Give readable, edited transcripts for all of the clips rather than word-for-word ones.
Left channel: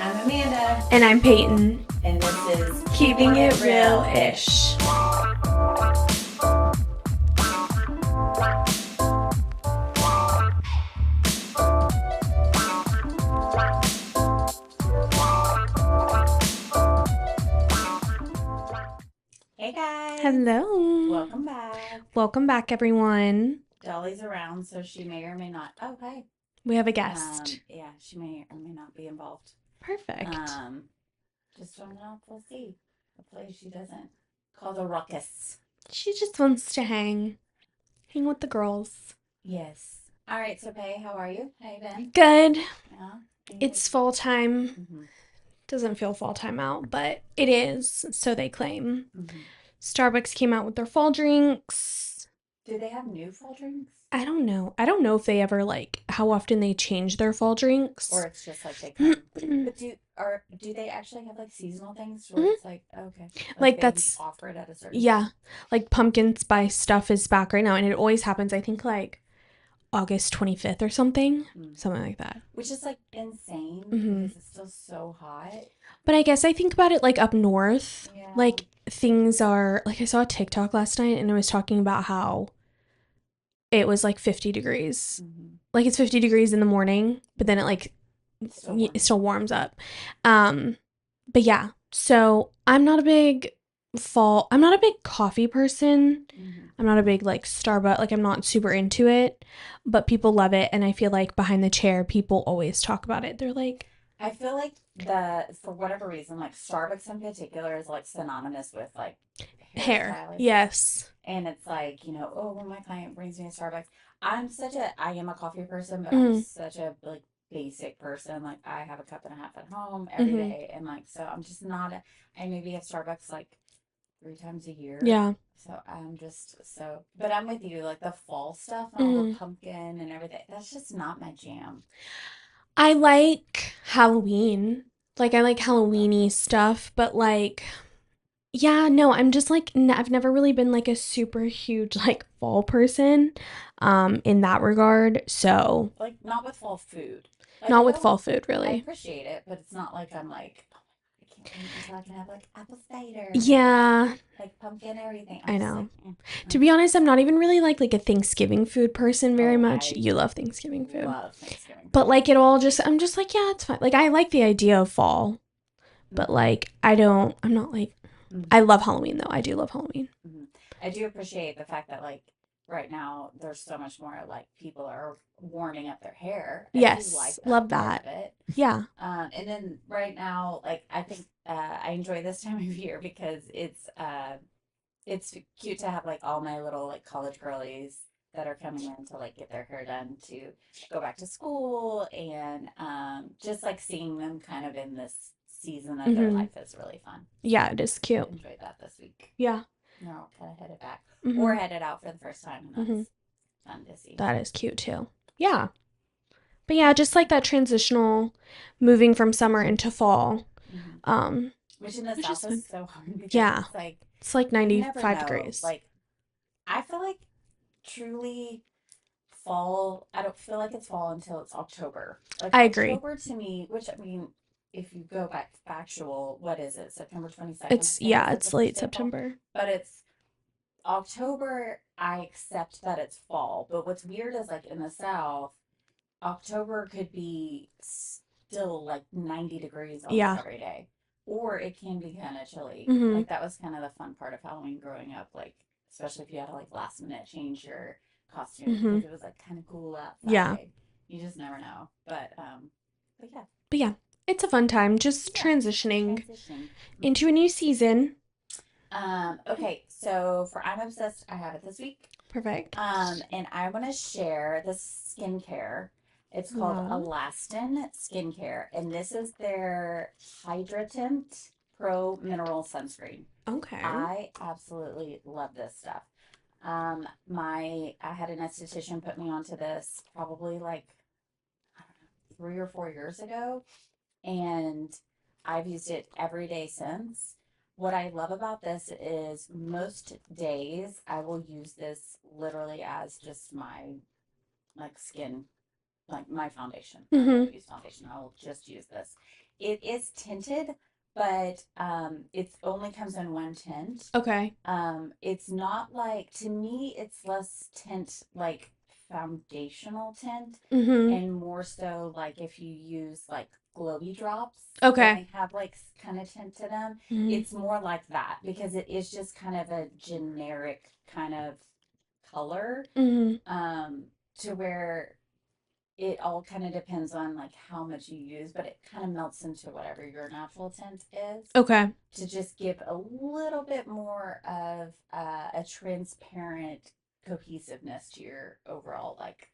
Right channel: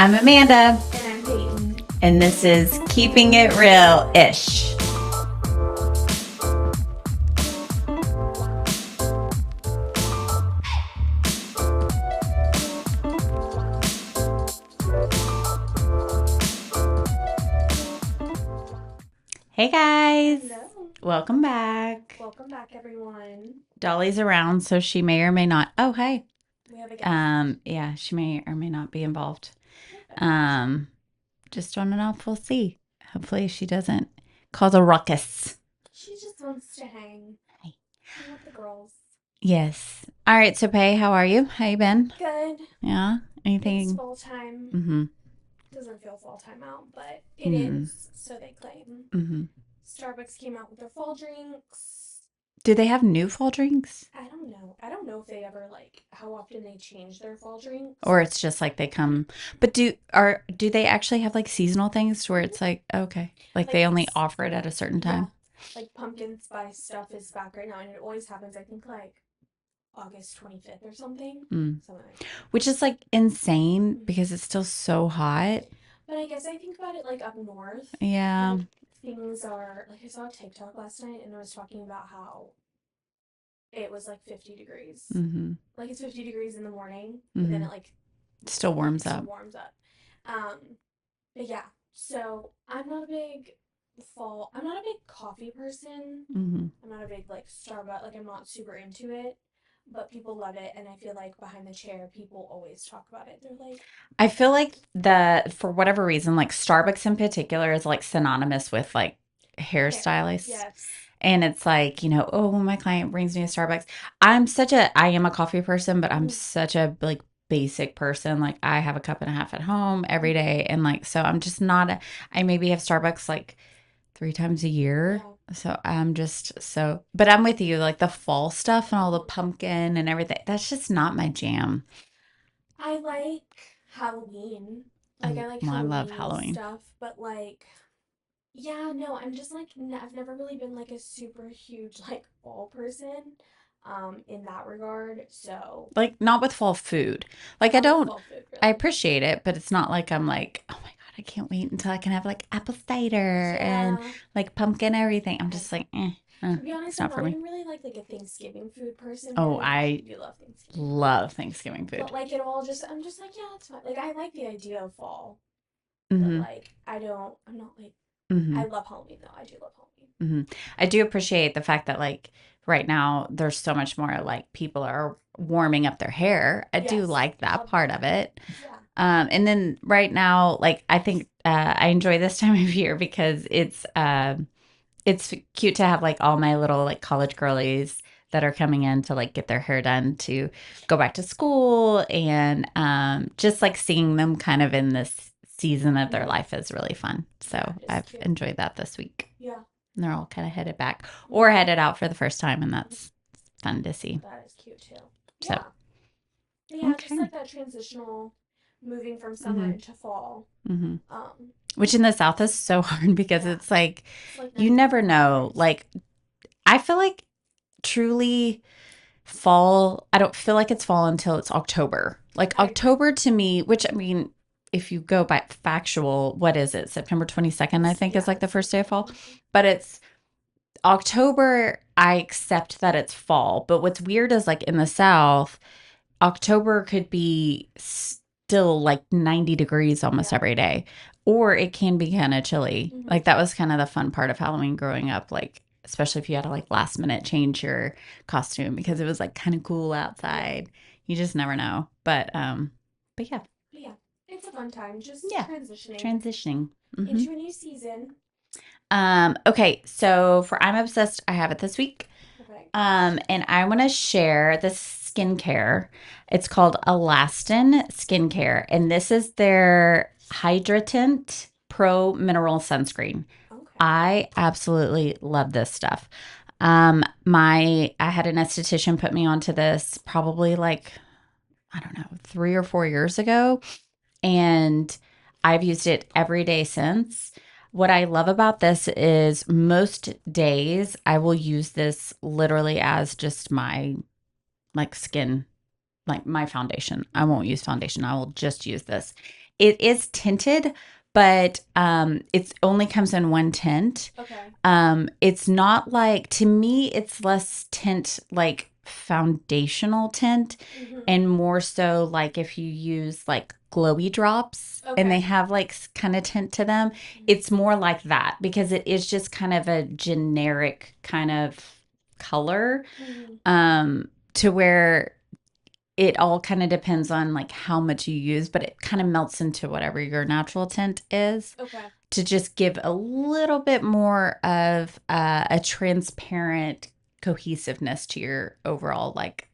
I'm Amanda. And I'm Peyton. And this is Keeping It Real-ish. Hey guys. Hello. Welcome back. Welcome back, everyone. Dolly's around, so she may or may not. Oh, hey. We have a guest. Yeah, she may or may not be involved. Perfect. Just don't know if we'll see. Hopefully she doesn't cause a ruckus. She just wants to hang with the girls. Yes. All right, so Pay, how are you? How you been? Good. Yeah? Anything? It's fall time. Mm-hmm. Doesn't feel fall time out, but it is, so they claim. Mm-hmm. Starbucks came out with their fall drinks. Do they have new fall drinks? I don't know. I don't know if they ever, how often they change their fall drinks. Or it's just like they come. But do they actually have seasonal things where it's okay. Like they only offer it at a certain time? Yeah. Pumpkin spice stuff is back right now. And it always happens, I think, August 25th or something. Something like that. Which is insane because it's still so hot. But I guess I think about it up north. Yeah. Things are, I saw a TikTok last night and it was talking about how it was 50 degrees. Mm-hmm. It's 50 degrees in the morning, but then it still warms up. But yeah, so I'm not a big coffee person. Mm-hmm. I'm not a big Starbucks, I'm not super into it, but people love it. And I feel behind the chair, people always talk about it. They're I feel for whatever reason, Starbucks in particular is synonymous with hairstylists. Yes. And it's when my client brings me a Starbucks, I am a coffee person, but I'm such a basic person. I have a cup and a half at home every day. And so I'm just not, I maybe have Starbucks 3 times a year. Yeah. So I'm just but I'm with you, the fall stuff and all the pumpkin and everything. That's just not my jam. I like Halloween. I like Halloween-y stuff, but yeah, no, I'm just I've never really been a super huge fall person in that regard. So not with fall food. Not with fall food, really. I appreciate it, but it's not I'm oh my God, I can't wait until I can have apple cider. Yeah. And pumpkin everything. I'm just To be honest, I'm not even really a Thanksgiving food person very much. You love Thanksgiving food. Love Thanksgiving food. But it all just, I'm just yeah, it's fine. I like the idea of fall, but I'm not I love Halloween though. I do love Halloween. Mm-hmm. I do appreciate the fact that right now there's so much more people are warming up their hair. I do like that part of it. Yeah. And then right now, I think I enjoy this time of year because it's cute to have all my little college girlies that are coming in to get their hair done to go back to school, and just seeing them kind of in this season of their life is really fun. So yeah, it is cute. I've enjoyed that this week. Yeah. And they're all kind of headed back or headed out for the first time, and that's fun to see. That is cute too. Yeah. So, but yeah, just that transitional moving from summer into fall. Mm-hmm. Which in the South is so hard because it's it's 95 you never know. Degrees. I feel truly fall, I don't feel it's fall until it's October. October to me, which if you go by factual, what is it? September 22nd, I think is the first day of fall. But it's October, I accept that it's fall. But what's weird is in the South, October could be still 90 degrees almost every day. Or it can be kind of chilly. That was kind of the fun part of Halloween growing up. Especially if you had to last minute change your costume because it was kind of cool outside. Yeah. You just never know. But yeah. It's a fun time, just transitioning into a new season. Okay, so for I'm Obsessed, I have it this week. Perfect. And I want to share this skincare. It's called Alastin Skincare, and this is their Hydratint Pro Mineral Sunscreen. Okay. I absolutely love this stuff. I had an esthetician put me onto this probably I don't know, 3 or 4 years ago. And I've used it every day since. What I love about this is most days I will use this literally as just my skin, my foundation. I won't use foundation. I will just use this. it is tinted, but it only comes in one tint. Okay. It's not like, to me, it's less tint like foundational tint, and more so like if you use like glowy drops and they have like kind of tint to them, it's more like that because it is just kind of a generic kind of color, to where it all kind of depends on like how much you use, but it kind of melts into whatever your natural tint is. Okay. To just give a little bit more of a transparent cohesiveness to your overall like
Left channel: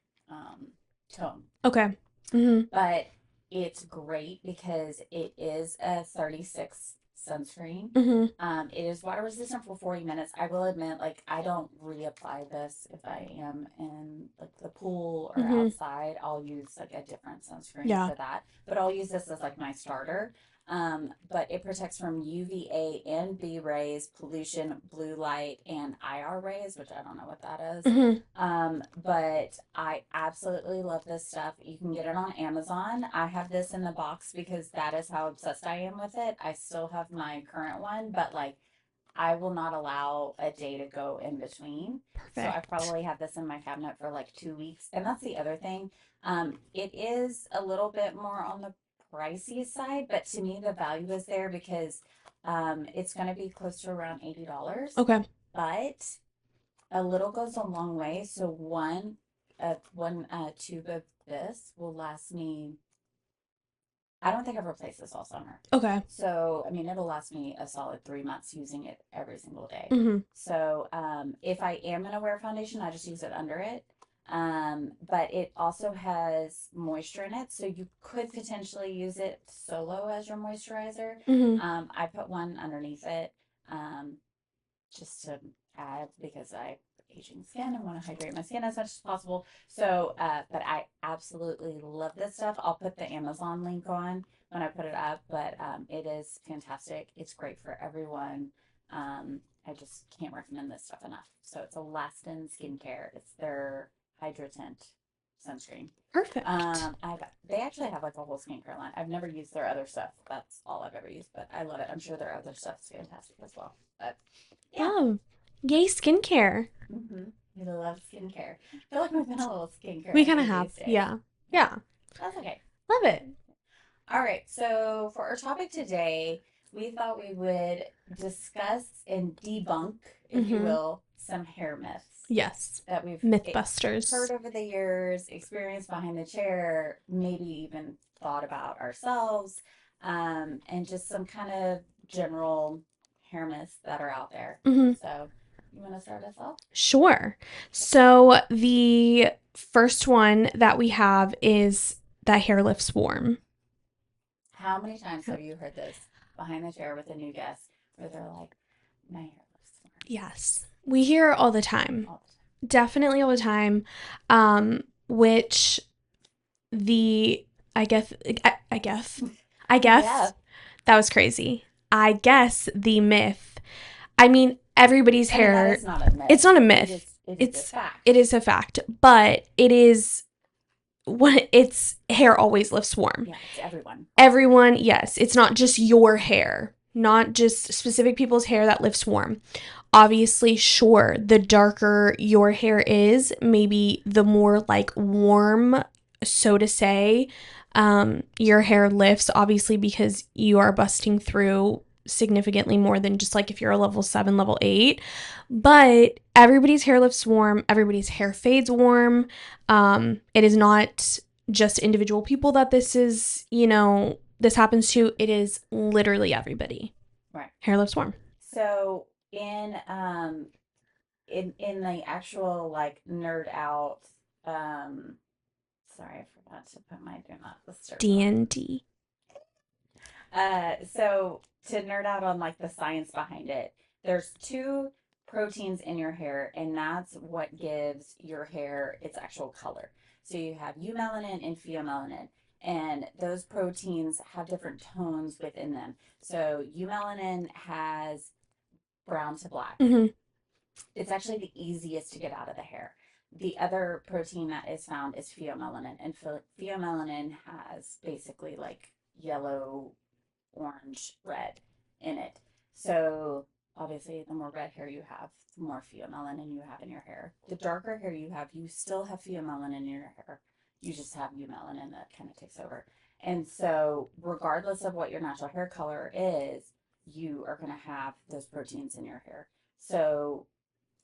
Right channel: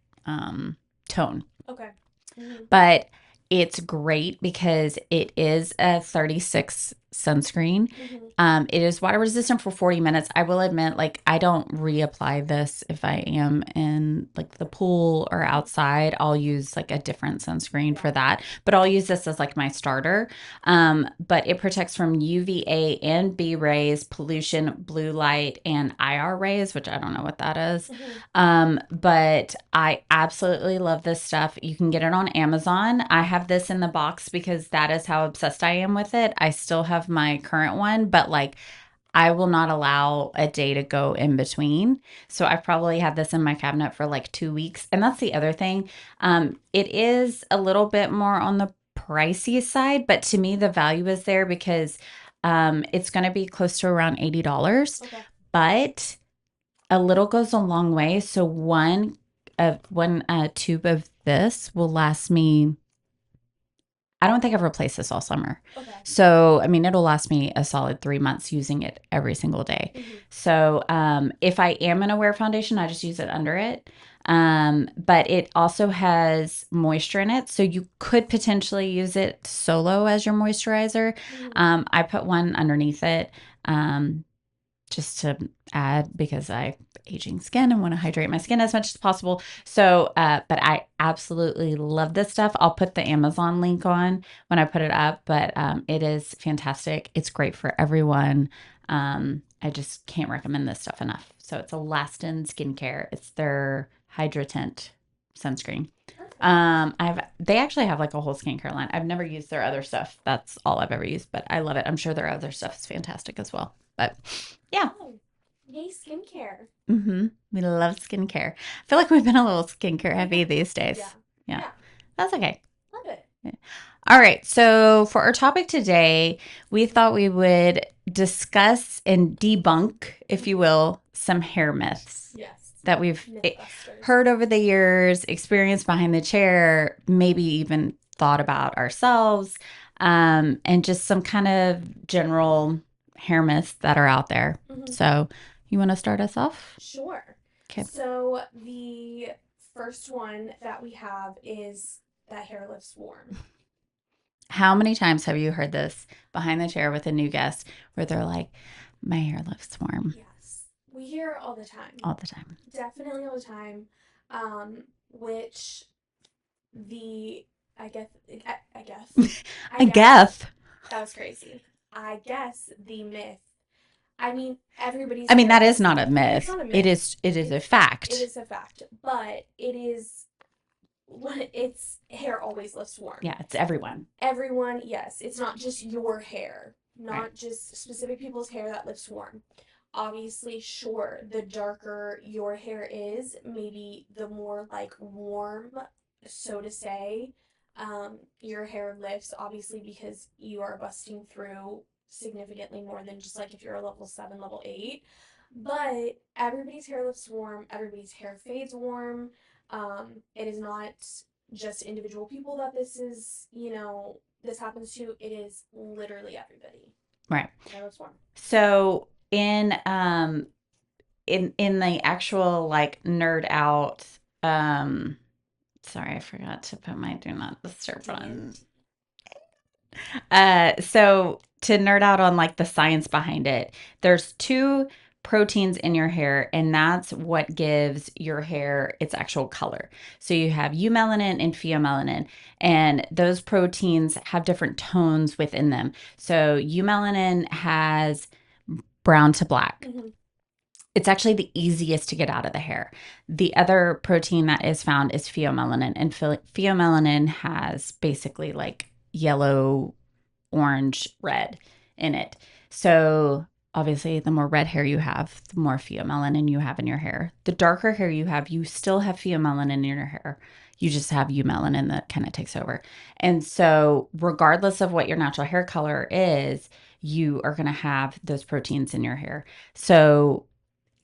tone. Okay. But it's great because it is a 36 sunscreen. It is water resistant for 40 minutes. I will admit, like, I don't reapply this if I am in like the pool or outside. I'll use like a different sunscreen for that, but I'll use this as like my starter. But it protects from UVA and B rays, pollution, blue light, and IR rays, which I don't know what that is. But I absolutely love this stuff. You can get it on Amazon. I have this in the box because that is how obsessed I am with it. I still have my current one, but like I will not allow a day to go in between. So I probably have this in my cabinet for like 2 weeks. And that's the other thing. It is a little bit more on the pricey side, but to me the value is there because it's going to be close to around $80. Okay. But a little goes a long way. So one tube of this will last me, I don't think I've replaced this all summer. Okay. So, I mean, it'll last me a solid 3 months using it every single day. So, if I am going to wear foundation, I just use it under it. But it also has moisture in it. So you could potentially use it solo as your moisturizer. I put one underneath it, just to add because I have aging skin and want to hydrate my skin as much as possible. So, but I absolutely love this stuff. I'll put the Amazon link on when I put it up, but it is fantastic. It's great for everyone. I just can't recommend this stuff enough. So it's Alastin Skincare. It's their Hydratint sunscreen. Perfect. They actually have like a whole skincare line. I've never used their other stuff. That's all I've ever used, but I love it. I'm sure their other stuff is fantastic as well. But yeah. Oh, yay, skincare. We love skincare. I feel like we've been a little skincare heavy these days. Yeah. That's okay. Love it. All right. So for our topic today, we thought we would discuss and debunk, if you will, some hair myths. Yes. That we've Mythbusters. Heard over the years, experienced behind the chair, maybe even thought about ourselves, and just some kind of general hair myths that are out there. So you want to start us off? Sure. Okay. So the first one that we have is that hair lifts warm. How many times have you heard this behind the chair with a new guest where they're like, my hair lifts warm? Yes. We hear it all the time. All the time. Definitely all the time. Which I guess that was crazy. I guess the myth. I mean, everybody's hair. I mean, that is not a myth. It's not a myth. It is a fact. It is a fact. But it is it's hair always lifts warm. Yeah, it's everyone. Everyone, yes. It's not just your hair. Not just specific people's hair that lifts warm. Obviously, sure, the darker your hair is, maybe the more like warm, so to say, your hair lifts, obviously, because you are busting through significantly more than just like if you're a level 7, level 8. But everybody's hair lifts warm. Everybody's hair fades warm. It is not just individual people that this is, this happens to. It is literally everybody. Right. Hair lifts warm. So in the actual like nerd out, sorry, I forgot to put my do not disturb D&D. So to nerd out on like the science behind it, there's 2 proteins in your hair, and that's what gives your hair its actual color. So you have eumelanin and pheomelanin, and those proteins have different tones within them. So eumelanin has brown to black. It's actually the easiest to get out of the hair. The other protein that is found is pheomelanin, and pheomelanin has basically like yellow, orange, red in it. So obviously, the more red hair you have, the more pheomelanin you have in your hair. The darker hair you have, you still have pheomelanin in your hair. You just have eumelanin that kind of takes over. And so, regardless of what your natural hair color is, you are going to have those proteins in your hair. So,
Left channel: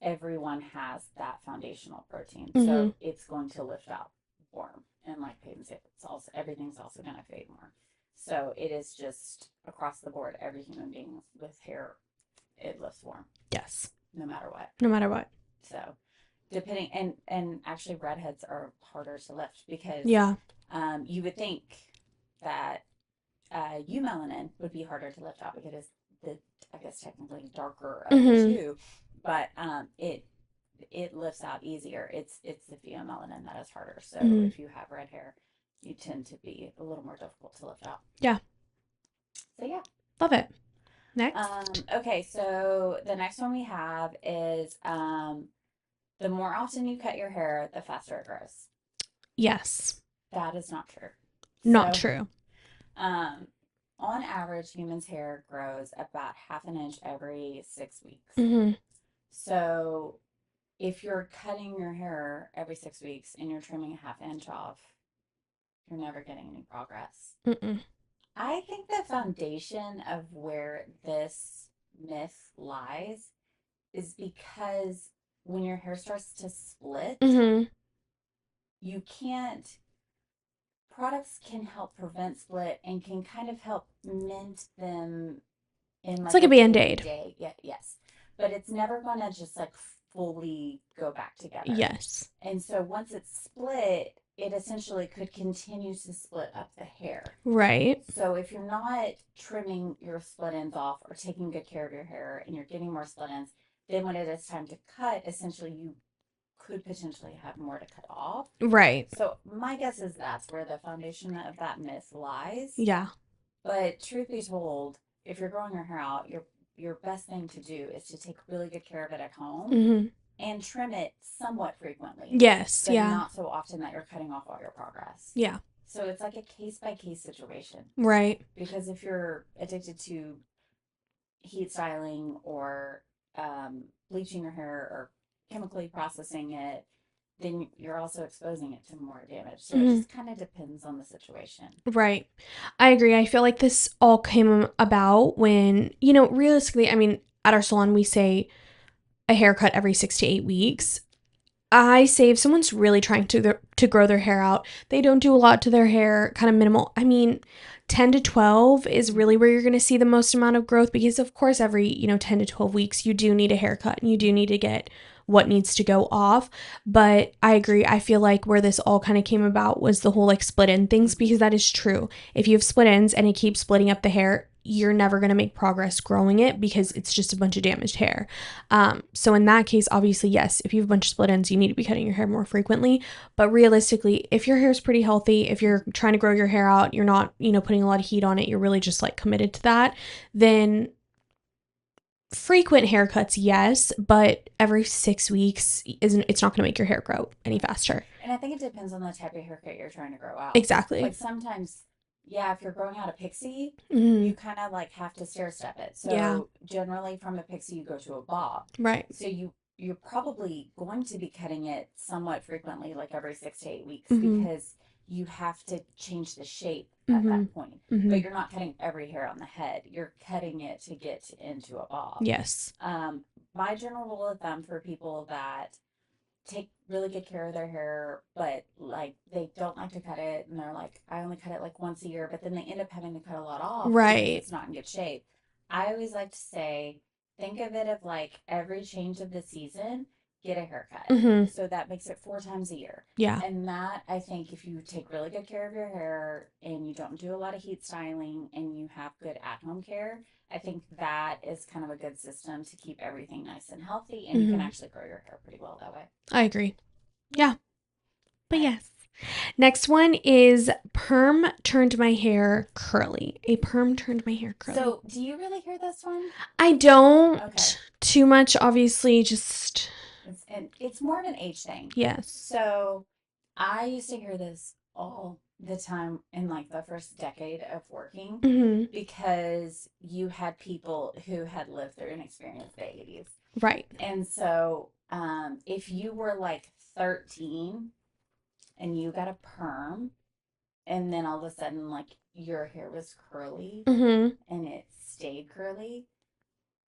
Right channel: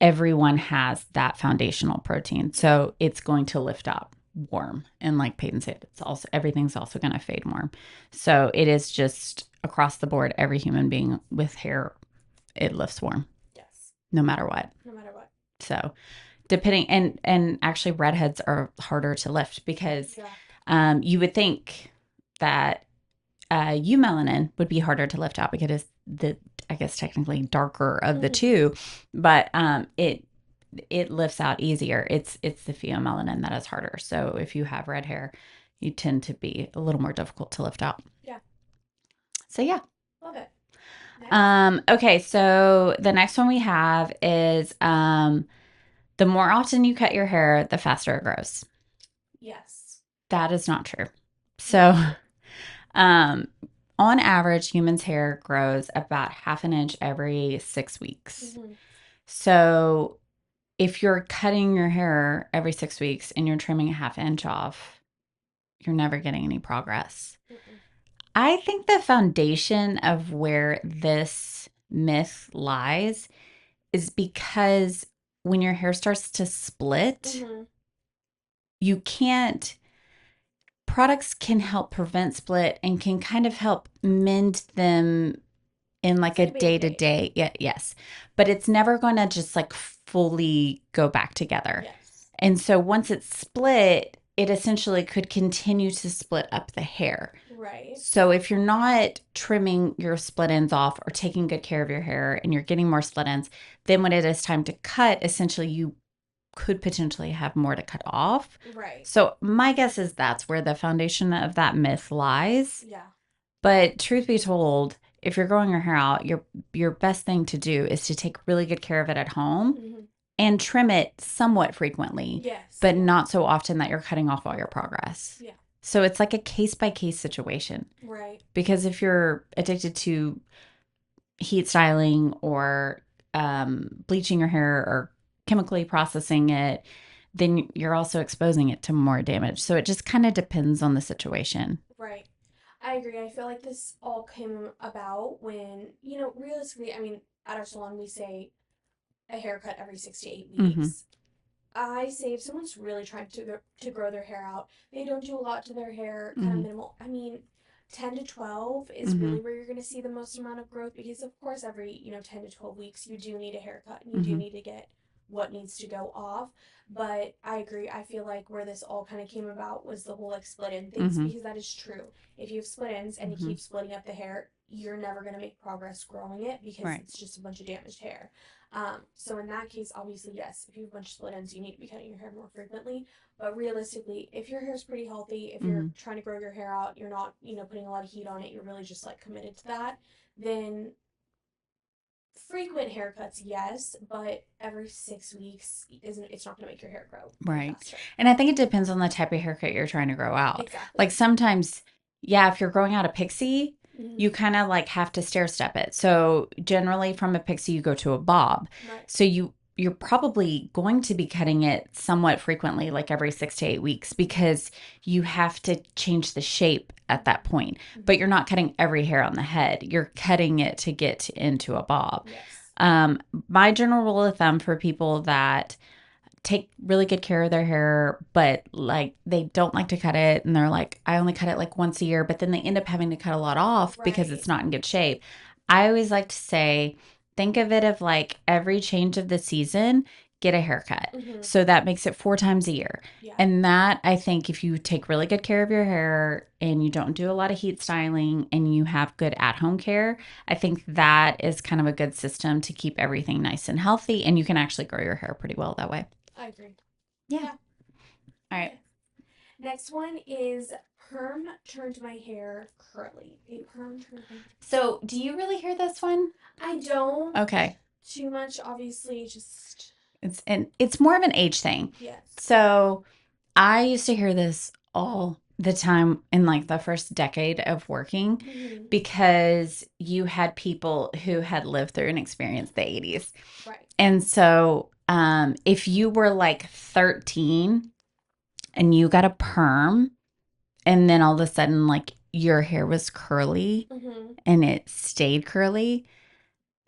everyone has that foundational protein. So, it's going to lift up warm. And like Peyton said, it's also everything's also going to fade warm. So, it is just across the board, every human being with hair, it lifts warm. Yes. No matter what. No matter what. So, depending and actually redheads are harder to lift because you would think that eumelanin would be harder to lift out because it's the, I guess, technically darker of the two, but it lifts out easier. It's the pheomelanin that is harder. So if you have red hair, you tend to be a little more difficult to lift out. Yeah. So yeah, love it. Next. Okay, so the next one we have is the more often you cut your hair, the faster it grows. Yes. That is not true. So, not true. On average, humans' hair grows about half an inch every 6 weeks. So, if you're cutting your hair every 6 weeks and you're trimming a half inch off, you're never getting any progress. I think the foundation of where this myth lies is because when your hair starts to split, you can't. Products can help prevent split and can kind of help mend them in like a day-to-day. Yeah, yes. But it's never going to just like fully go back together. Yes. And so once it's split, it essentially could continue to split up the hair. Right. So if you're not trimming your split ends off or taking good care of your hair and you're getting more split ends, then when it is time to cut, essentially you could potentially have more to cut off. Right. So my guess is that's where the foundation of that myth lies. Yeah. But truth be told, if you're growing your hair out, your best thing to do is to take really good care of it at home and trim it somewhat frequently. Yes. But not so often that you're cutting off all your progress. Yeah. So it's like a case-by-case situation. Right. Because if you're addicted to heat styling or bleaching your hair or chemically processing it, then you're also exposing it to more damage. So it just kind of depends on the situation. Right. I agree. I feel like this all came about when, realistically, I mean, at our salon, we say a haircut every 6 to 8 weeks. I say if someone's really trying to grow their hair out, they don't do a lot to their hair, kind of minimal. I mean, 10 to 12 is really where you're going to see the most amount of growth because, of course, every, 10 to 12 weeks, you do need a haircut and you do need to get what needs to go off. But I agree. I feel like where this all kind of came about was the whole like split end things because that is true. If you have split ends and it keeps splitting up the hair, you're never going to make progress growing it because it's just a bunch of damaged hair. So in that case, obviously, yes, if you have a bunch of split ends, you need to be cutting your hair more frequently. But realistically, if your hair is pretty healthy, if you're trying to grow your hair out, you're not, putting a lot of heat on it, you're really just like committed to that, then frequent haircuts, yes, but every 6 weeks it's not going to make your hair grow any faster. And I think it depends on the type of haircut you're trying to grow out. Exactly. Like sometimes, if you're growing out a pixie, you kind of like have to stair step it. So generally from a pixie, you go to a bob. Right. So you're probably going to be cutting it somewhat frequently, like every 6 to 8 weeks, because you have to change the shape at that point. But you're not cutting every hair on the head. You're cutting it to get into a bob. Yes. My general rule of thumb for people that take really good care of their hair, but like they don't like to cut it and they're like, I only cut it like once a year, but then they end up having to cut a lot off because it's not in good shape. I always like to say, think of it of like every change of the season, get a haircut. So that makes it 4 times a year. Yeah. And that, I think, if you take really good care of your hair and you don't do a lot of heat styling and you have good at-home care, I think that is kind of a good system to keep everything nice and healthy. And you can actually grow your hair pretty well that way. I agree. Yeah. But Right. yes. Next one is perm turned my hair curly. A perm turned my hair curly. So, do you really hear this one? I don't. Okay. Too much, obviously, just... It's more of an age thing. Yes. So, I used to hear this all the time in like the first decade of working because you had people who had lived through and experienced the 80s. Right. And so if you were like 13 and you got a perm and then all of a sudden like your hair was curly and it stayed curly,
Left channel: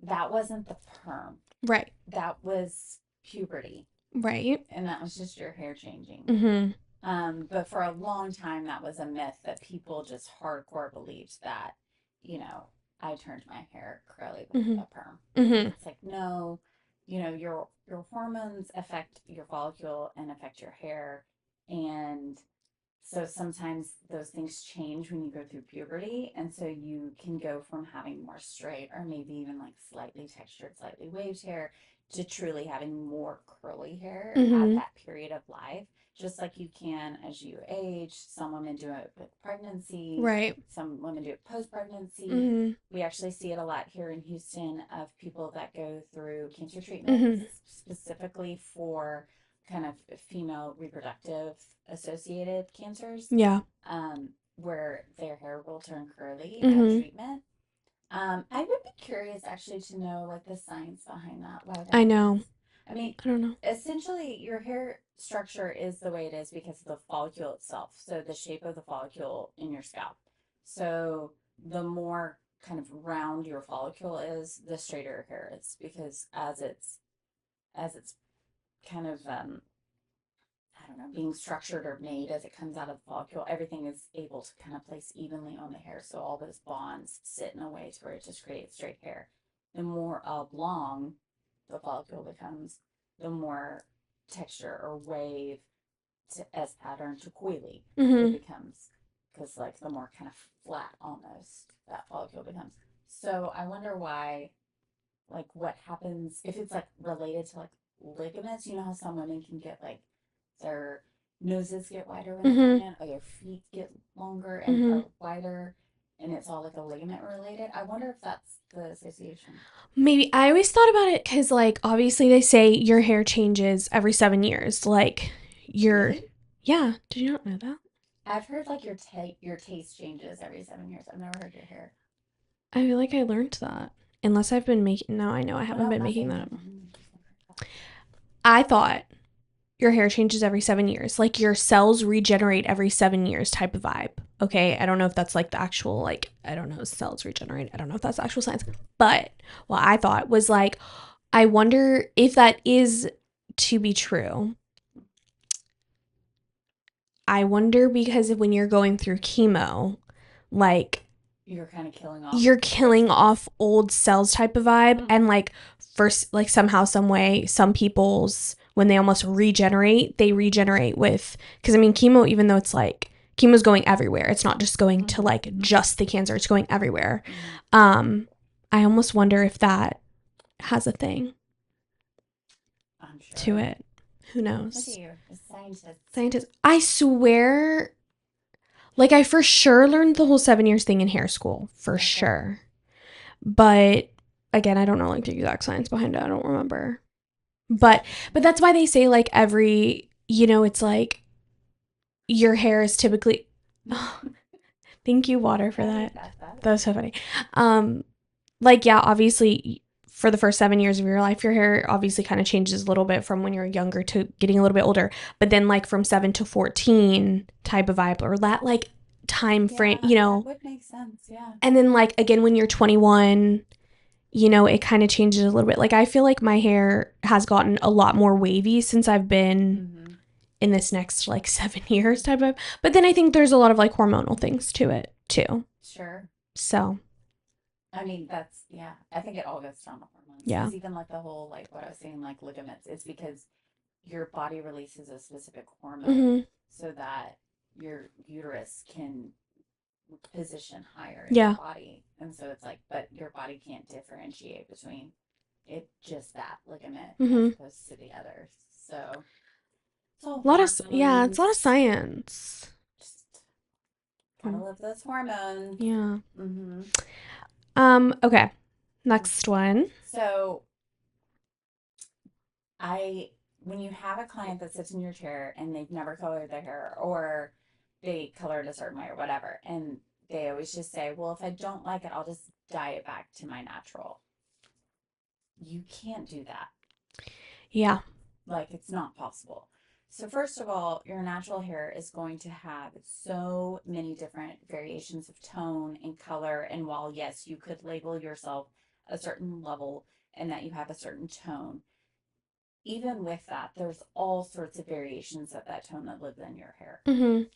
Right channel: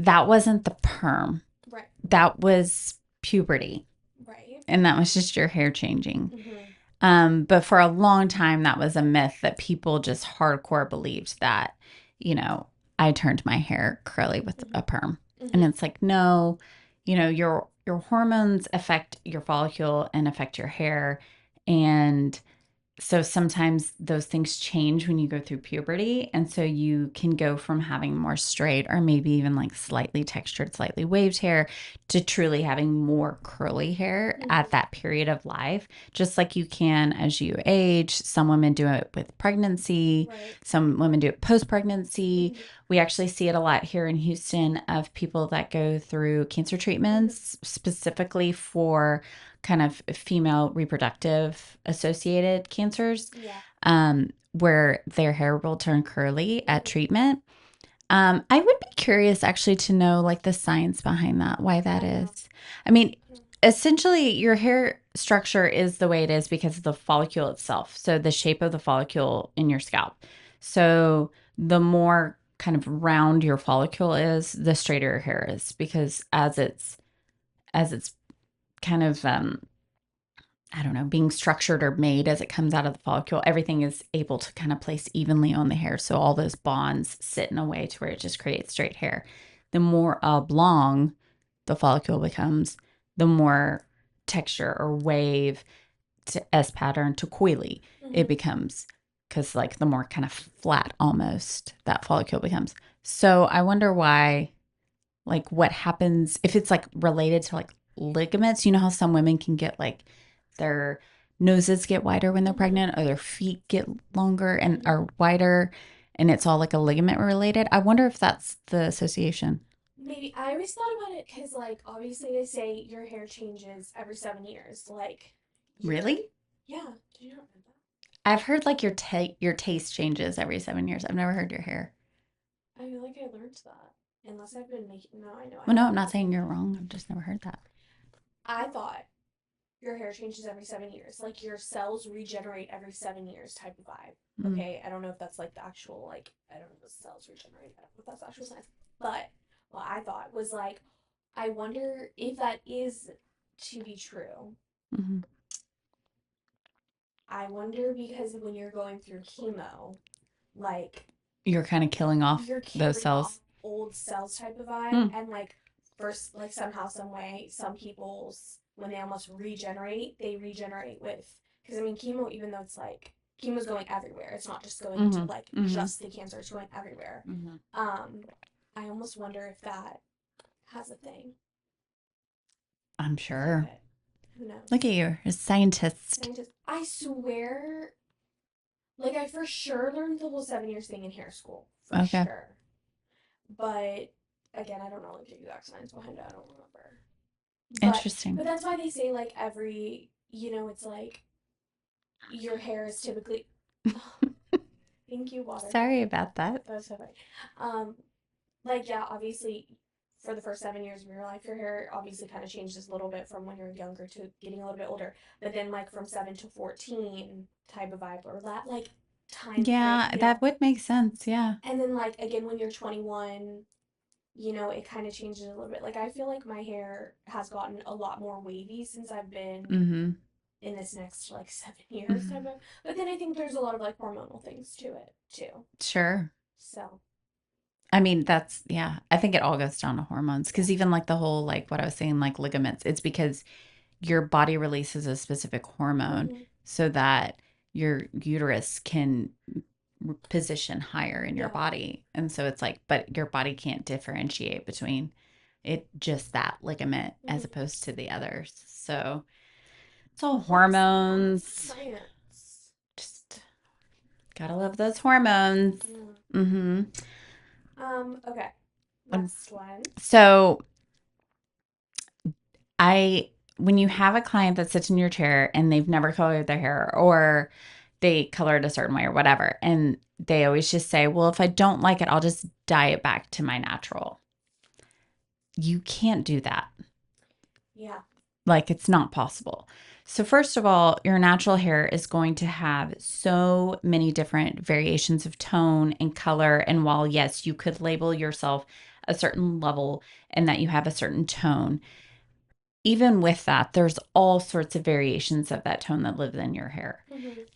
that wasn't the perm. Right. That was puberty. Right. And that was just your hair changing. But for a long time, that was a myth that people just hardcore believed that, you know, I turned my hair curly with a perm. And it's like, no, you know, your hormones affect your follicle and affect your hair. And so sometimes those things change when you go through puberty. And so you can go from having more straight or maybe even like slightly textured, slightly waved hair to truly having more curly hair at that period of life. Just like you can as you age. Some women do it with pregnancy. Right. Some women do it post-pregnancy. We actually see it a lot here in Houston of people that go through cancer treatments specifically for kind of female reproductive associated cancers. Yeah. Where their hair will turn curly at treatment. I would be curious actually to know like the science behind that, why that I know. is. I mean, I don't know. essentially your hair structure is the way it is because of the follicle itself. So the shape of the follicle in your scalp. So the more kind of round your follicle is, the straighter your hair is because as it's kind of I don't know, being structured or made as it comes out of the follicle, everything is able to kind of place evenly on the hair. So all those bonds sit in a way to where it just creates straight hair. The more oblong the follicle becomes, the more texture or wave to S pattern to coily it becomes. Because like the more kind of flat almost that follicle becomes. So I wonder why, like what happens if it's like related to like ligaments. You know how some women can get like their noses get wider when they're pregnant or their feet get longer and are wider and it's all like a ligament related. I wonder if that's the association. Maybe. I always thought about it because, like, obviously they say your hair changes every 7 years. Like, Really? Yeah. Did you not know that? I've heard like your taste changes every 7 years. I've never heard your hair. I feel like I learned that. Unless I've been making... No, I know I haven't No, I'm been not making saying that. you're wrong. I've just never heard that. I thought your hair changes every 7 years. Like, your cells regenerate every 7 years type of vibe. Okay? I don't know if that's, like, the actual, like... I don't know. Cells regenerate. I don't know if that's actual science. But what I thought was, like... I wonder if that is to be true. I wonder because when you're going through chemo, like... You're kind of killing off. You're killing off old cells type of vibe. And, like, first, like, somehow, some way, some people's... When they almost regenerate, they regenerate with... Because, I mean, chemo, even though it's, like... Chemo's going everywhere. It's not just going to, like, just the cancer. It's going everywhere. I almost wonder if that has a thing. I'm sure. To it. Who knows? Look at you. A scientist. I swear, like, I for sure learned the whole 7 years thing in hair school. For sure. But, again, I don't know, like, the exact science behind it. I don't remember. But that's why they say, like, every, you know, it's like, your hair is typically... Oh, thank you, water. Sorry about that. That was so funny. Like, yeah, obviously... For the first 7 years of your life, your hair obviously kind of changes a little bit from when you're younger to getting a little bit older. But then, like, from 7 to 14 type of vibe or that, like, time frame, you know. That would make sense, yeah. And then, like, again, when you're 21, you know, it kind of changes a little bit. Like, I feel like my hair has gotten a lot more wavy since I've been in this next, like, 7 years type of. But then I think there's a lot of, like, hormonal things to it, too. Sure. So... I mean, I think it all goes down to hormones. Because even like the whole, like what I was saying, like ligaments, it's because your body releases a specific hormone so that your uterus can position higher in your body. And so it's like, but your body can't differentiate between it, just that ligament as opposed to the others. So it's all hormones. It's a lot of science. Just gotta love those hormones. Yeah. Okay. Next one. So when you have a client that sits in your chair and they've never colored their hair or they color it a certain way or whatever. And they always just say, well, if I don't like it, I'll just dye it back to my natural. You can't do that. Yeah. Like, it's not possible. So first of all, your natural hair is going to have so many different variations of tone and color. And while, yes, you could label yourself a certain level and that you have a certain tone, even with that, there's all sorts of variations of that tone that lives in your hair.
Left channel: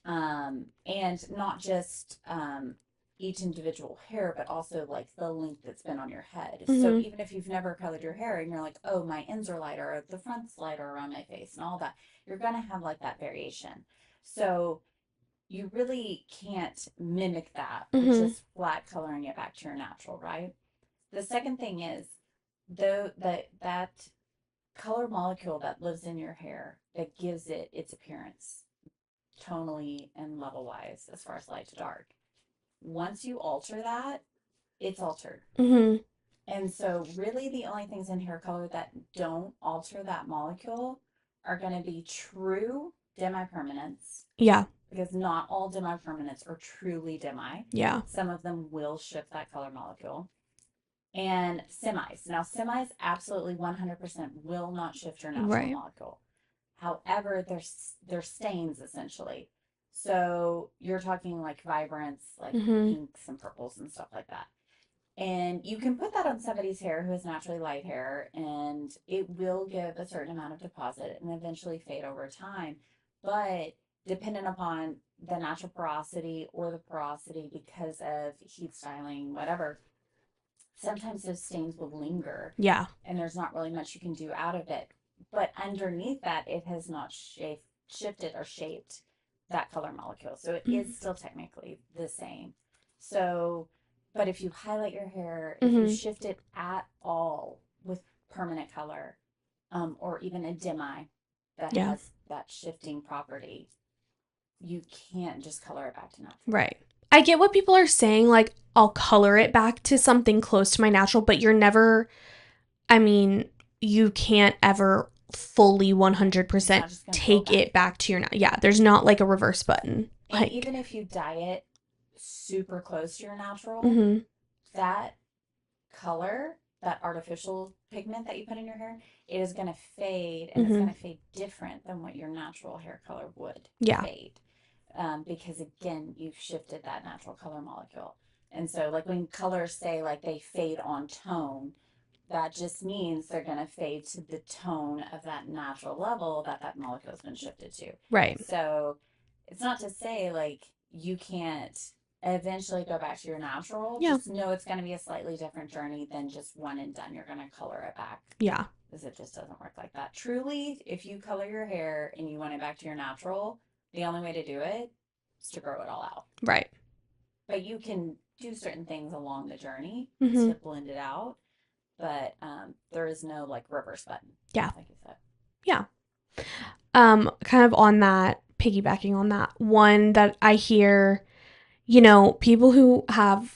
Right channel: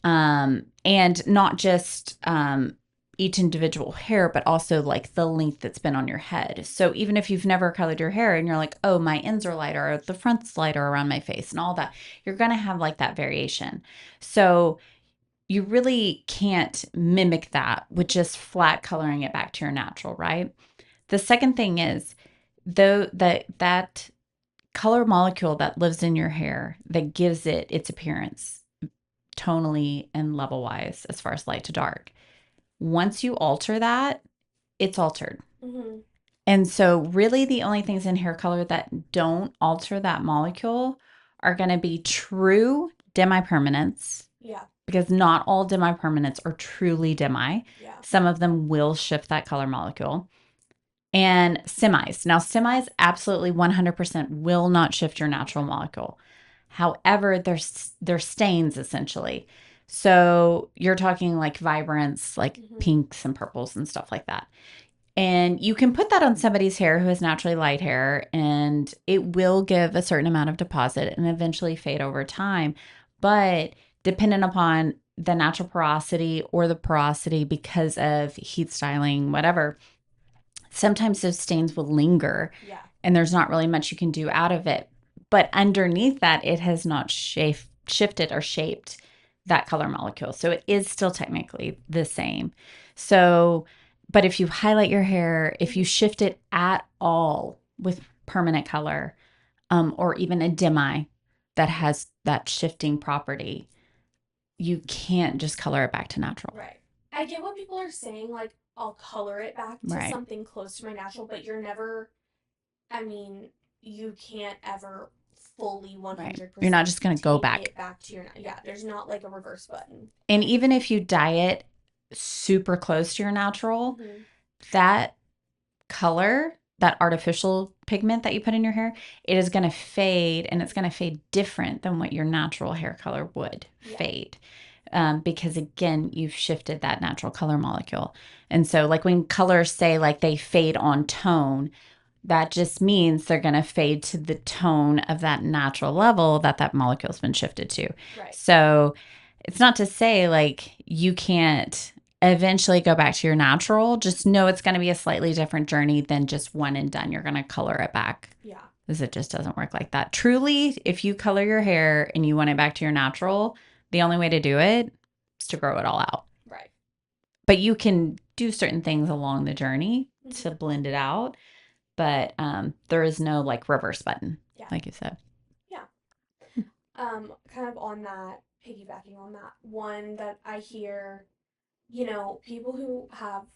And not just each individual hair, but also like the length that's been on your head. So even if you've never colored your hair and you're like, oh, my ends are lighter or the front's lighter around my face and all that, you're going to have like that variation. So you really can't mimic that with just flat coloring it back to your natural, right? The second thing is, though, that color molecule that lives in your hair that gives it its appearance tonally and level wise as far as light to dark, once you alter that, it's altered. And so really the only things in hair color that don't alter that molecule are going to be true demi-permanents. Yeah. Because not all demi-permanents are truly demi. Yeah. Some of them will shift that color molecule. And semis. Now, semis absolutely 100% will not shift your natural molecule. However, they're stains essentially. So you're talking like vibrance, like pinks and purples and stuff like that. And you can put that on somebody's hair who has naturally light hair, and it will give a certain amount of deposit and eventually fade over time. But dependent upon the natural porosity or the porosity because of heat styling, whatever, sometimes those stains will linger. Yeah. And there's not really much you can do out of it. But underneath that, it has not shifted or shaped that color molecule. So it is still technically the same. So, but if you highlight your hair, if you shift it at all with permanent color, or even a demi that has that shifting property, you can't just color it back to natural. Right. I get what people are saying, like, I'll color it back to something close to my natural, but you're never, I mean, you can't ever fully 100% You're not just going to take go back. it back to your, yeah, there's not like a reverse button. And like, even if you dye it super close to your natural, that color, that artificial pigment that you put in your hair, it is going to fade, and it's going to fade different than what your natural hair color would fade. Because again, you've shifted that natural color molecule. And so like when colors say like they fade on tone, that just means they're going to fade to the tone of that natural level that molecule's been shifted to. Right. So it's not to say like you can't eventually go back to your natural. Just know it's going to be a slightly different journey than just one and done. You're going to color it back. Yeah. Because it just doesn't work like that. Truly, if you color your hair and you want it back to your natural, the only way to do it is to grow it all out. Right. But you can do certain things along the journey to blend it out. But there is no like reverse button. Yeah. Like you said. Yeah. Kind of on that, piggybacking on that, one that I hear, you know, people who have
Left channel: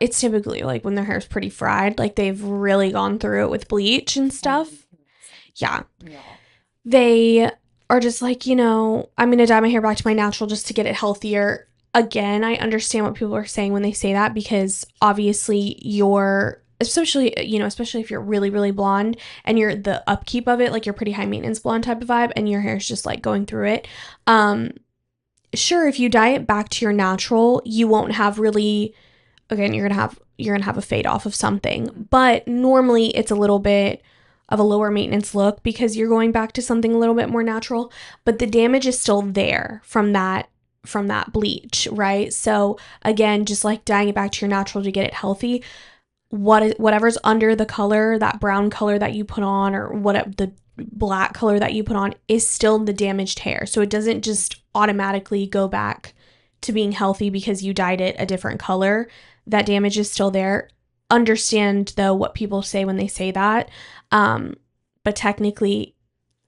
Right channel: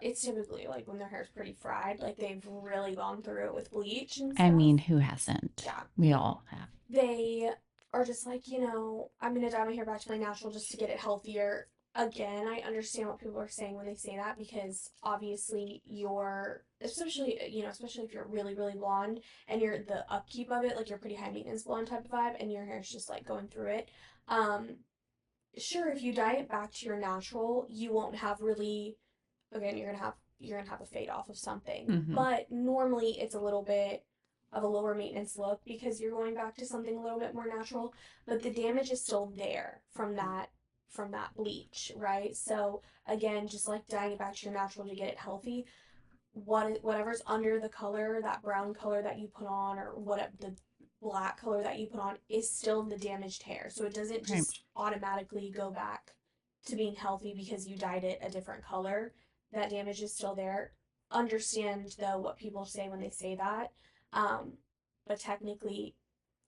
it's typically like when their hair's pretty fried, like they've really gone through it with bleach and stuff. I mean, who hasn't? Yeah. We all have. They are just like, you know, I'm going to dye my hair back to my natural just to get it healthier. Again, I understand what people are saying when they say that, because obviously especially if you're really, really blonde and you're the upkeep of it, like you're pretty high maintenance blonde type of vibe and your hair's just like going through it. Sure, if you dye it back to your natural, you won't have really, again, you're going to have a fade off of something, but normally it's a little bit of a lower maintenance look because you're going back to something a little bit more natural, but the damage is still there from that bleach, right? So again, just like dyeing it back to your natural to get it healthy, whatever's under the color, that brown color that you put on, or the black color that you put on, is still the damaged hair. So it doesn't just automatically go back to being healthy because you dyed it a different color. That damage is still there. Understand though what people say when they say that, but technically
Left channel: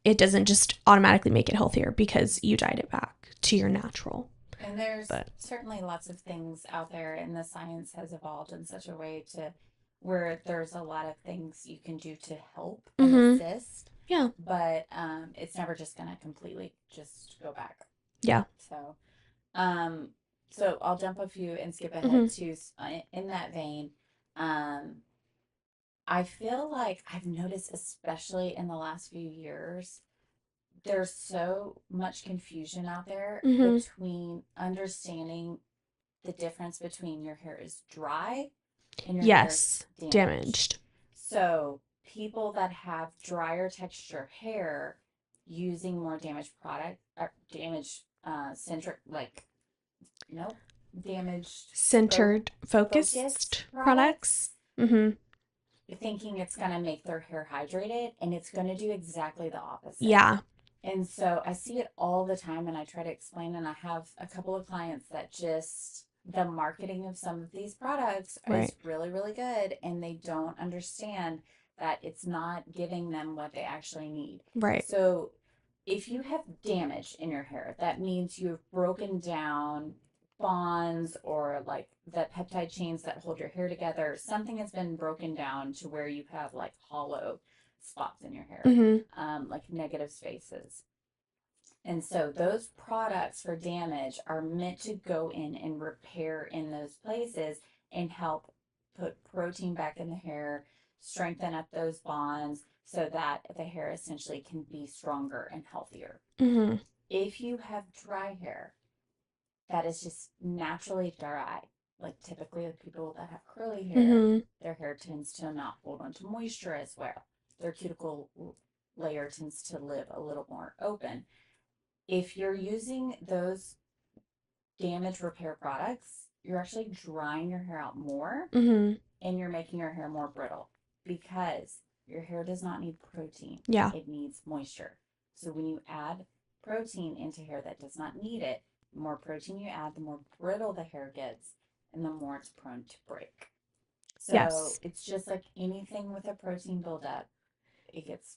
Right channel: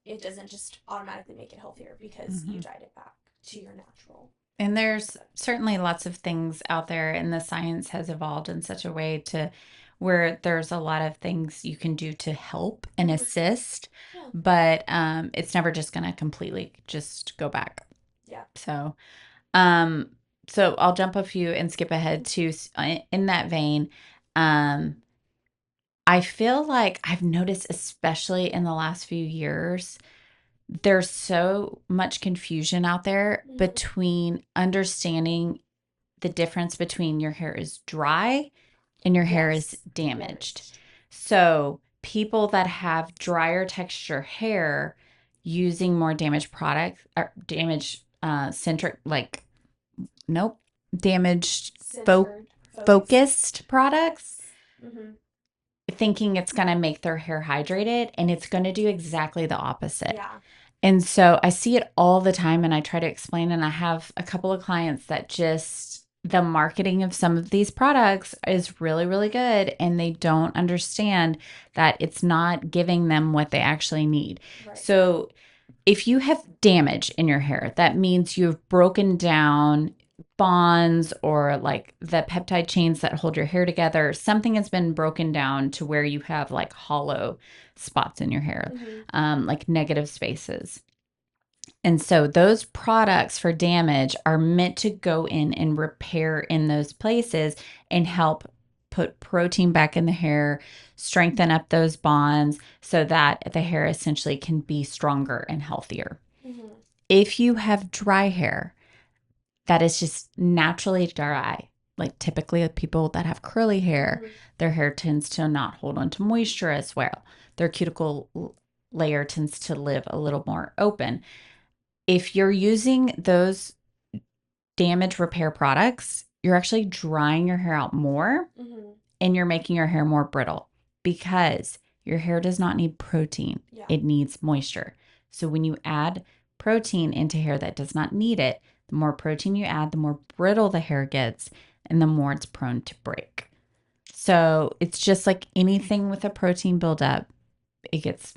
it doesn't just automatically make it healthier because you dyed it back to your natural. And there's certainly lots of things out there, and the science has evolved in such a way to where there's a lot of things you can do to help and assist. Yeah. But it's never just going to completely just go back. Yeah. Um, so I'll jump a few and skip ahead Mm-hmm. to in that vein. Um, I feel like I've noticed, especially in the last few years, there's so much confusion out there Mm-hmm. between understanding the difference between your hair is dry and your hair is Yes. damaged. Damaged. So people that have drier texture hair using more damaged product or damaged centric like nope damaged Centered, focused focused products, products. Mm-hmm. thinking it's going to make their hair hydrated, and it's going to do exactly the opposite. Yeah. And so I see it all the time, and I try to explain, and I have a couple of clients that just the marketing of some of these products Right. is really, really good, and they don't understand that it's not giving them what they actually need. Right. So if you have damage in your hair, that means you've broken down bonds or like the peptide chains that hold your hair together. Something has been broken down to where you have like hollow spots in your hair, Mm-hmm. like negative spaces. And so those products for damage are meant to go in and repair in those places and help put protein back in the hair, strengthen up those bonds so that the hair essentially can be stronger and healthier. Mm-hmm. If you have dry hair that is just naturally dry, like typically people that have curly hair, Mm-hmm. their hair tends to not hold on to moisture as well. Their cuticle layer tends to live a little more open. If you're using those damage repair products, you're actually drying your hair out more Mm-hmm. and you're making your hair more brittle because your hair does not need protein. Yeah. It needs moisture. So when you add protein into hair that does not need it, the more protein you add, the more brittle the hair gets and the more it's prone to break. So Yes. it's just like anything with a protein buildup, it gets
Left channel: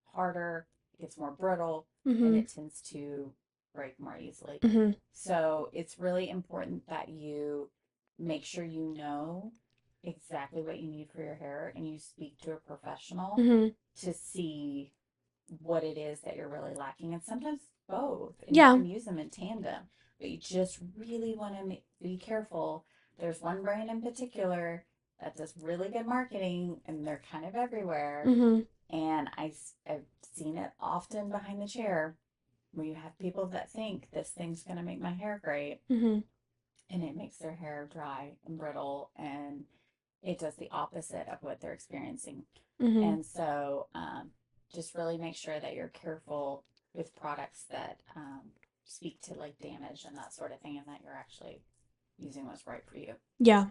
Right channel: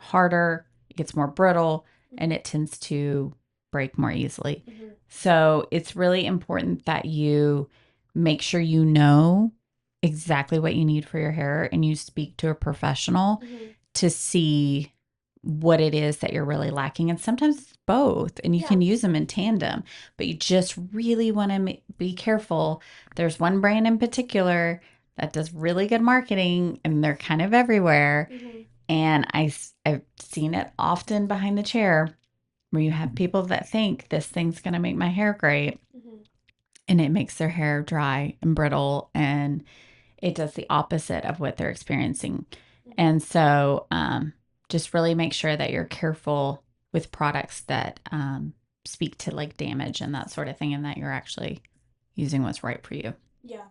harder, it gets more brittle, and Mm-hmm. it tends to break more easily. Mm-hmm. So it's really important that you make sure you know exactly what you need for your hair and you speak to a professional Mm-hmm. to see what it is that you're really lacking. And sometimes it's both, and you Yeah. can use them in tandem, but you just really want to be careful. There's one brand in particular that does really good marketing, and they're kind of everywhere. Mm-hmm. And I've seen it often behind the chair where you have people that think this thing's going to make my hair great, Mm-hmm. and it makes their hair dry and brittle, and it does the opposite of what they're experiencing. Mm-hmm. And so just really make sure that you're careful with products that speak to like damage and that sort of thing, and that you're actually using what's right for you. Yeah.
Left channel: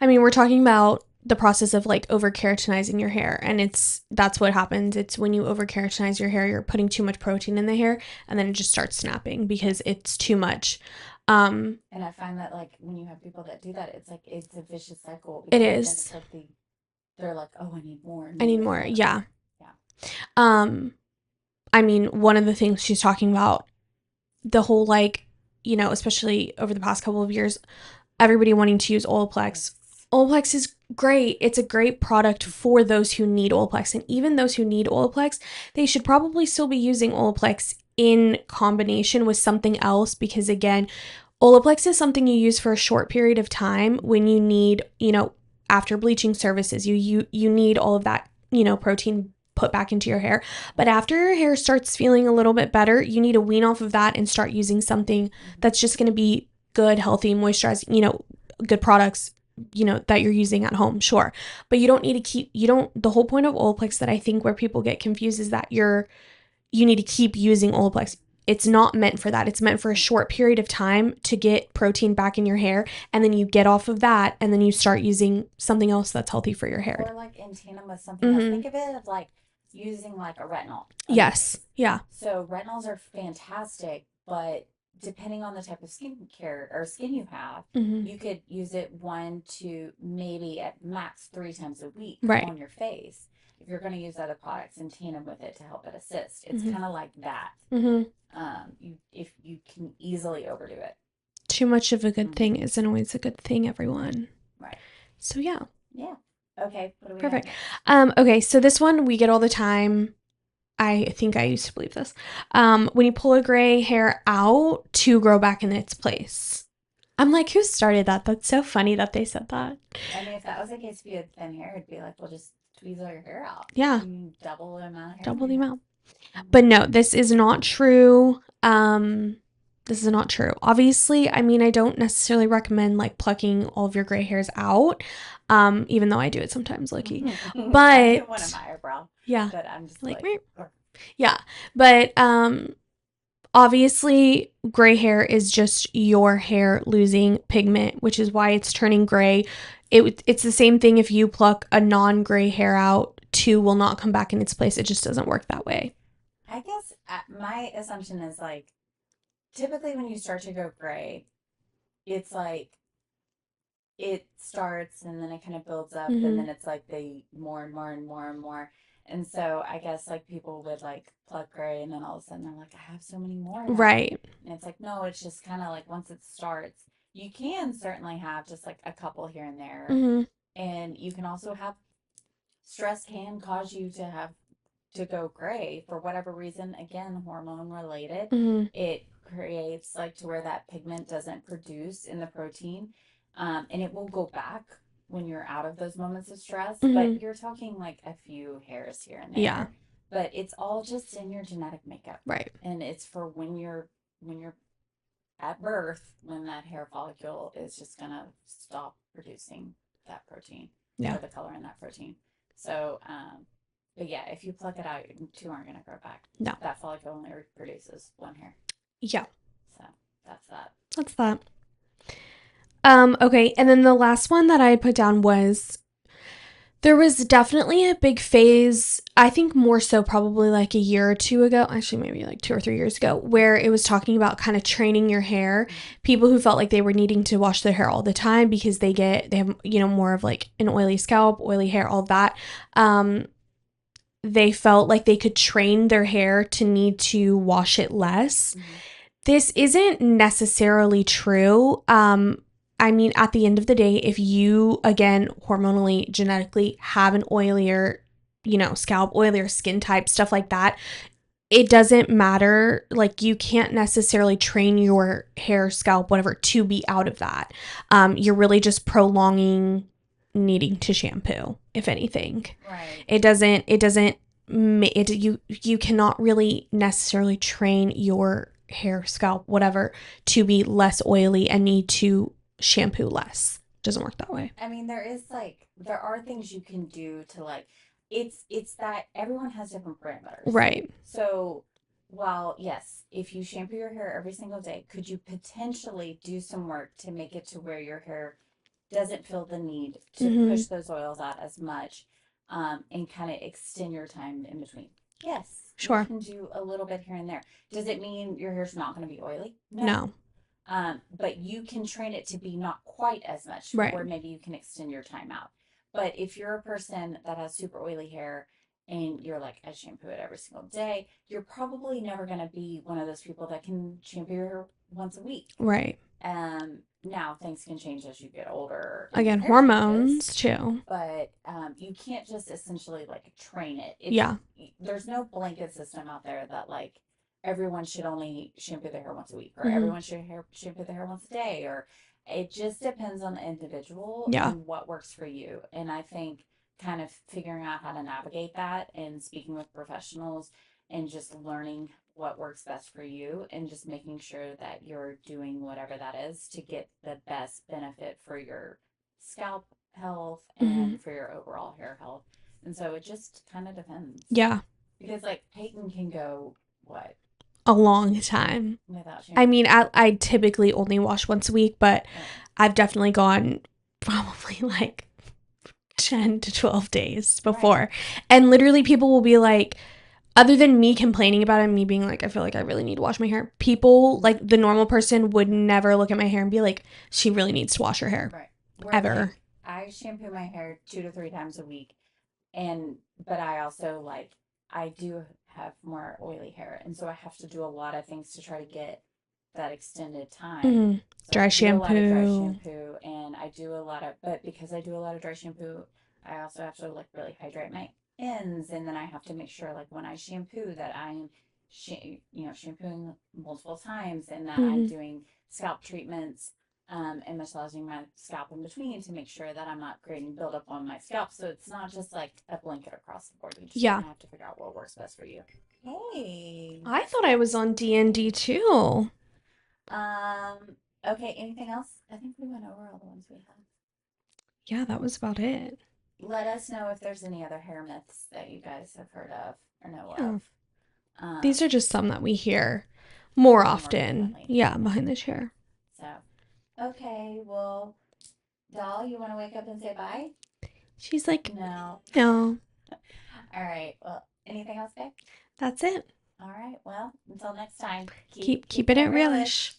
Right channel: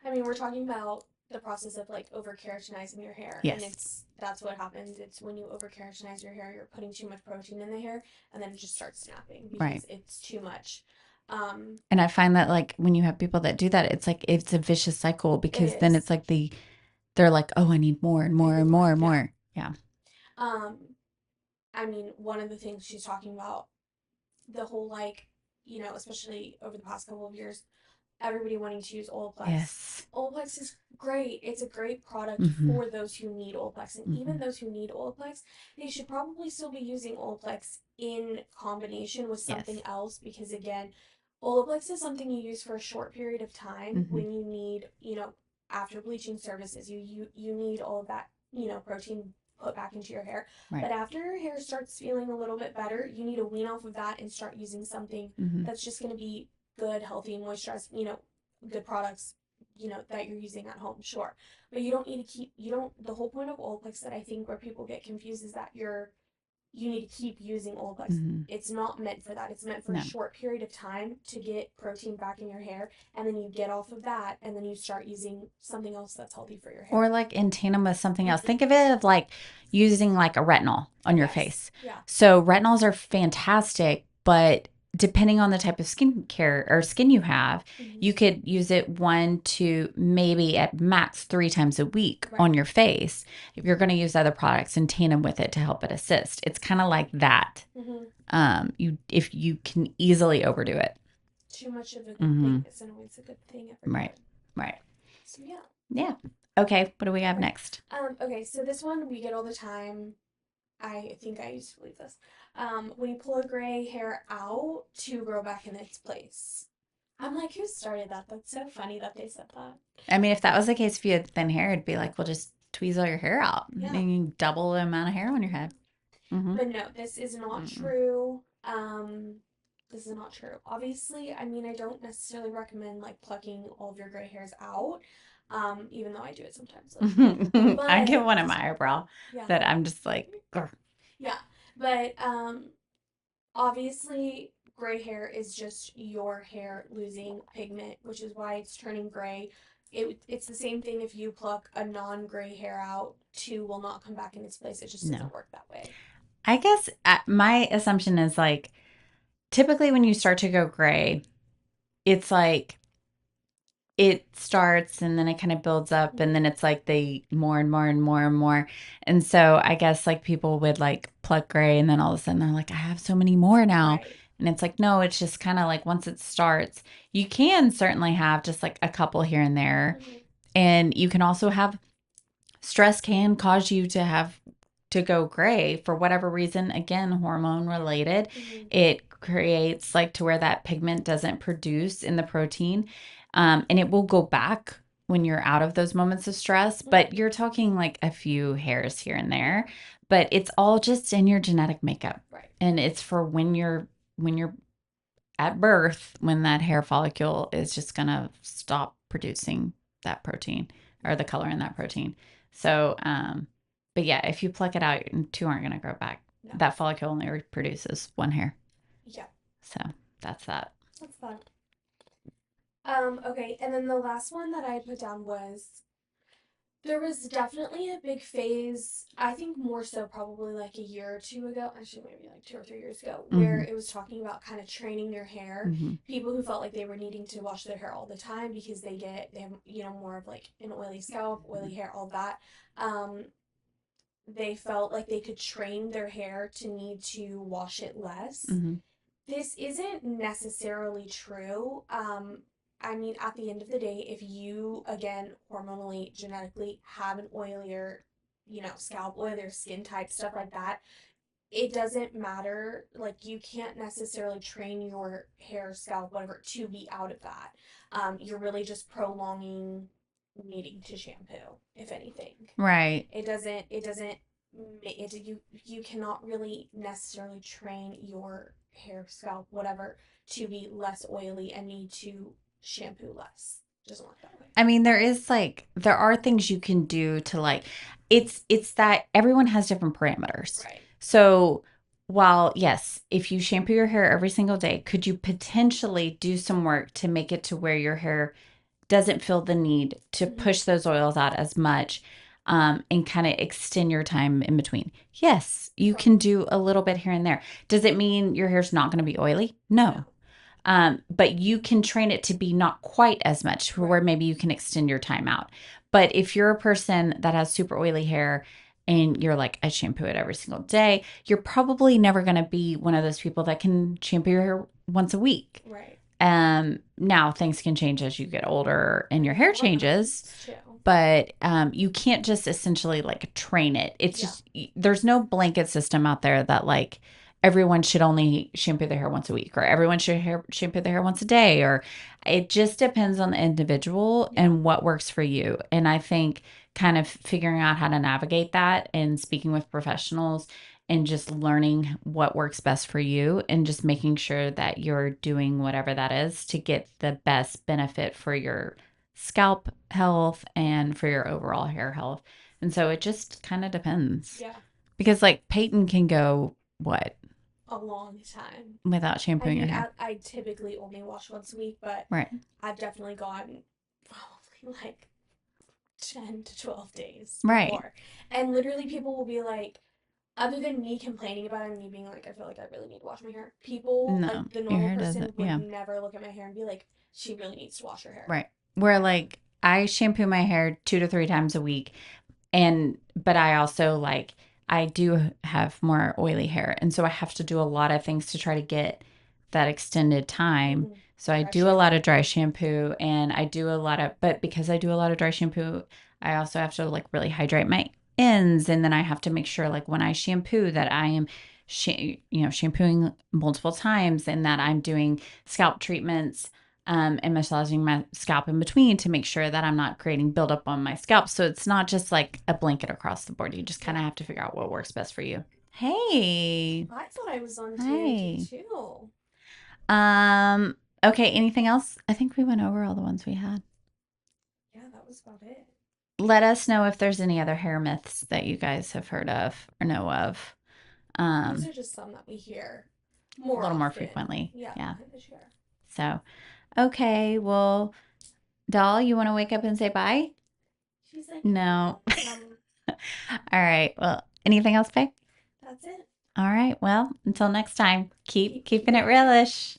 I mean, we're talking about the process of like over keratinizing your hair, and Yes. that's what happens. It's when you over keratinize your hair, you're putting too much protein in the hair, and then it just starts snapping because Right. it's too much. And I find that like when you have people that do that, it's like it's a vicious cycle It because then is. it's like they're like, oh, I need more and I more need and more. more and Yeah. more. Yeah. Um, I mean, one of the things she's talking about, the whole like, especially over the past couple of years, everybody wanting to use Olaplex. Yes. Olaplex is great. It's a great product Mm-hmm. for those who need Olaplex. And even Mm-hmm. those who need Olaplex, they should probably still be using Olaplex in combination with Yes. something else because, again, Olaplex is something you use for a short period of time Mm-hmm. when you need, after bleaching services, you need all of that, protein put back into your hair. Right. But after your hair starts feeling a little bit better, you need to wean off of that and start using something Mm-hmm. that's just going to be good, healthy, moisturized, good products, that you're using at home, sure. But you don't need to the whole point of Olaplex that I think where people get confused is that you need to keep using Olaplex. Mm-hmm. It's not meant for that. It's meant for a No. short period of time to get protein back in your hair, and then you get off of that, and then you start using something else that's healthy for your hair. Or like in tandem with something else. Mm-hmm. Think of it of like using like a retinol on your Yes. face. Yeah. So retinols are fantastic, but depending on the type of skincare or skin you have, Mm-hmm. you could use it 1 to maybe at max 3 times a week Right. on your face. If you're going to use other products in tandem with it to help it assist, it's Mm-hmm. kind of like that. Mm-hmm. If you can easily overdo it. Too much of a good thing Mm-hmm. isn't always a good thing, everyone. Right. Right. So yeah. Yeah. Okay. What do we have Perfect. next? Okay, so this one we get all the time. I think I used to believe this. When you pull a gray hair out to grow back in its place. I'm like, who started that? That's so funny that they said that. I mean, if that was the case, if you had thin hair, it'd be like, well, just tweeze all your hair out. Yeah. And you double the amount of hair Double on the your head. amount. But no, this is not true. This is not true. Obviously, I mean, I don't necessarily recommend like plucking all of your gray hairs out. Even though I do it sometimes, like, but I get one in my eyebrow. Yeah. That I'm just like yeah. But obviously, gray hair is just your hair losing pigment, which is why it's turning gray. It's the same thing if you pluck a non-gray hair out, 2 will not come back in its place. It just doesn't work that way. I guess my assumption is like, typically when you start to go gray, it's like it starts and then it kind of builds up and then it's like they more and more and more and more. And so I guess like people would like pluck gray and then all of a sudden they're like, I have so many more now. Right. And it's like, no, it's just kind of like once it starts, you can certainly have just like a couple here and there. And you can also have stress can cause you to have to go gray for whatever reason. Again, hormone related. It creates like to where that pigment doesn't produce in the protein. And it will go back when you're out of those moments of stress. But you're talking like a few hairs here and there. Yeah. But it's all just in your genetic makeup. Right. And it's for when you're at birth, when that hair follicle is just gonna stop producing that protein or the color in that protein. So but yeah, if you pluck it out, 2 aren't gonna grow back. No. That follicle only produces 1 hair. Yeah. So that's that. That's that. Okay, and then the last one that I put down was there was definitely a big phase, I think more so probably like a year or 2 ago, actually maybe like 2 or 3 years ago, where it was talking about kind of training your hair. People who felt like they were needing to wash their hair all the time because they have, you know, more of like an oily scalp, oily hair, all that. They felt like they could train their hair to need to wash it less. This isn't necessarily true. I mean, at the end of the day, if you, again, hormonally, genetically have an oilier, you know, scalp, oilier skin type, stuff like that, it doesn't matter. Like, you can't necessarily train your hair, scalp, whatever, to be out of that. You're really just prolonging needing to shampoo, if anything. Right. You cannot really necessarily train your hair, scalp, whatever, to be less oily and need to shampoo less. Doesn't work that way. I mean, there are things you can do to like, it's that everyone has different parameters. Right. So while yes, if you shampoo your hair every single day, could you potentially do some work to make it to where your hair doesn't feel the need to push those oils out as much, and kind of extend your time in between? Yes, sure. You can do a little bit here and there. Does it mean your hair's not going to be oily? No. But you can train it to be not quite as much, where maybe you can extend your time out. But if you're a person that has super oily hair and you're like, I shampoo it every single day, you're probably never going to be one of those people that can shampoo your hair once a week. Right. Now things can change as you get older and again, your hair changes too. But you can't just essentially like train it. It's just, there's no blanket system out there that like everyone should only shampoo their hair once a week, or everyone should shampoo their hair once a day, or it just depends on the individual and what works for you. And I think kind of figuring out how to navigate that and speaking with professionals and just learning what works best for you and just making sure that you're doing whatever that is to get the best benefit for your scalp health and for your overall hair health. And so it just kind of depends. Yeah. Because like Peyton can go, what? A long time without shampoo. I mean, I typically only wash once a week, but I've definitely gone probably like 10 to 12 days before. And literally people will be like, other than me complaining about it and me being like, I feel like I really need to wash my hair, people, like the normal person would never look at my hair and be like, she really needs to wash her hair. Right. Where like I shampoo my hair 2 to 3 times a week. But I also like, I do have more oily hair. And so I have to do a lot of things to try to get that extended time. So I do a lot of dry shampoo and I do a lot of, but because I do a lot of dry shampoo, I also have to like really hydrate my ends, and then I have to make sure like when I shampoo that I am shampooing multiple times, and that I'm doing scalp treatments and massaging my scalp in between to make sure that I'm not creating buildup on my scalp. So it's not just like a blanket across the board. You just kind of have to figure out what works best for you. Hey. I thought I was on D&D too. Okay, anything else? I think we went over all the ones we had. Yeah, that was about it. Let us know if there's any other hair myths that you guys have heard of or know of. These are just some that we hear more often. More frequently. Yeah, behind the chair. So, okay, well, Doll, you want to wake up and say bye? She's like, no. No. All right, well, anything else, Faye? That's it. All right, well, until next time, keep keeping it realish.